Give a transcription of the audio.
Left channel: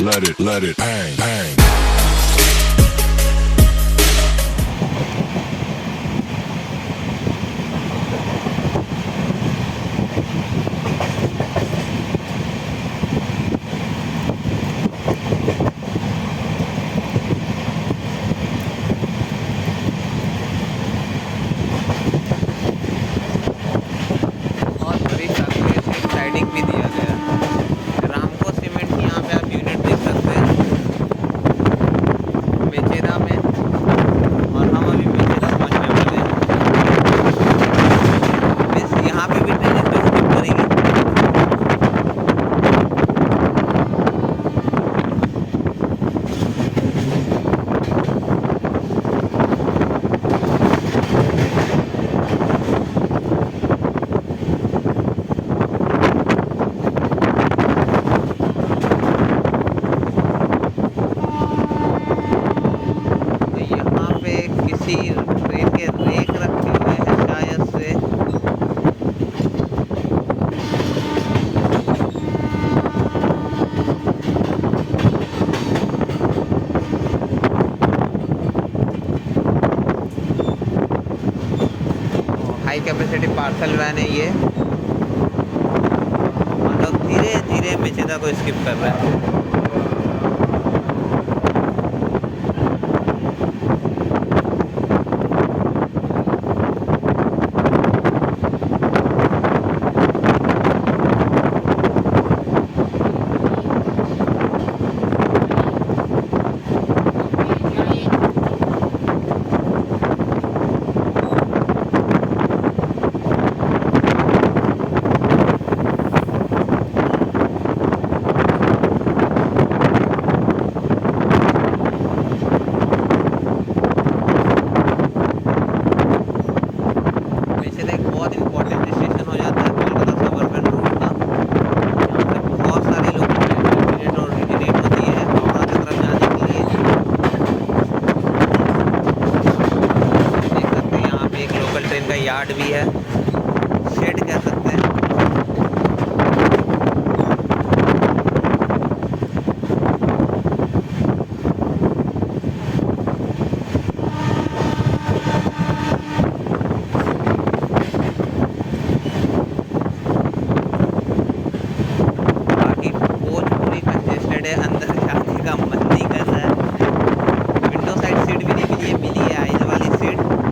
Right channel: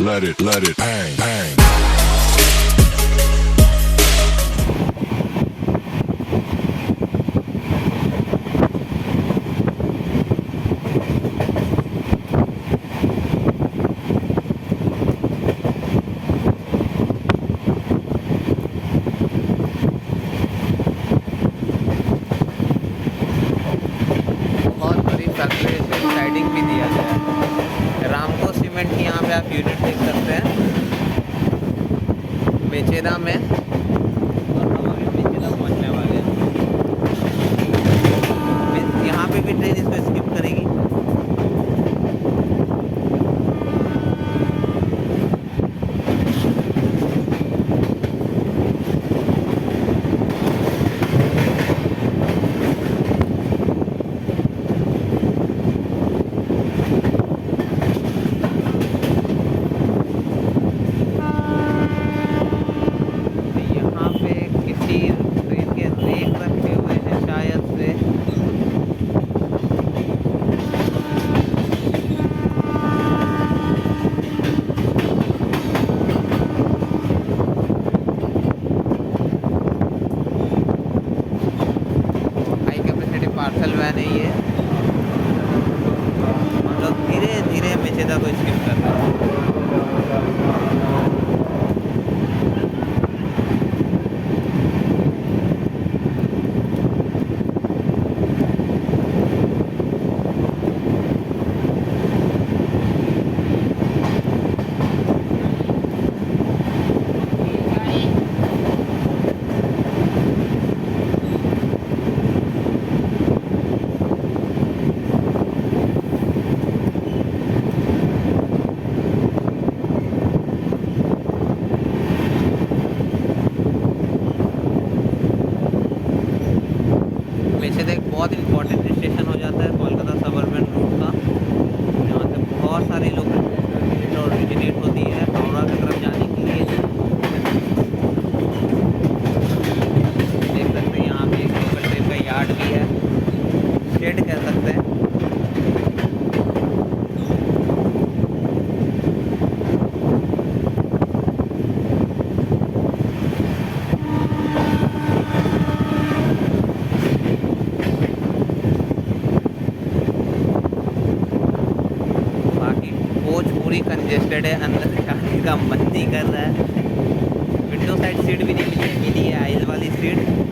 let it bang, bang. Sliding भी दिया गया है। रामको सीमेंट की यहाँ पे आप यूनिट देख सकते हैं मेचेदा में, और हम अभी मेचेदा पहुँचने वाले हैं। यहाँ पे भी ट्रेन इसमें स्किप करेंगे। कैपेसिटी पार्सल वैन है ये, मतलब धीरे धीरे मेचेदा को स्किप कर रहा है। बहुत इंपॉर्टेंट स्टेशन हो जाता है कोलकाता सबअर्बन रूट का। यहाँ पर बहुत सारे लोग टिकट और टिकट को दिए हैं हावड़ा की तरफ जाने के लिए। देख सकते हैं यहाँ पे एक लोकल ट्रेन का यार्ड भी है, शेड कह सकते हैं। कंजेस्टेड है, अंदर जाने का मन नहीं कर रहा है। विंडो साइड सीट भी नहीं मिली है, आइल वाली सीट।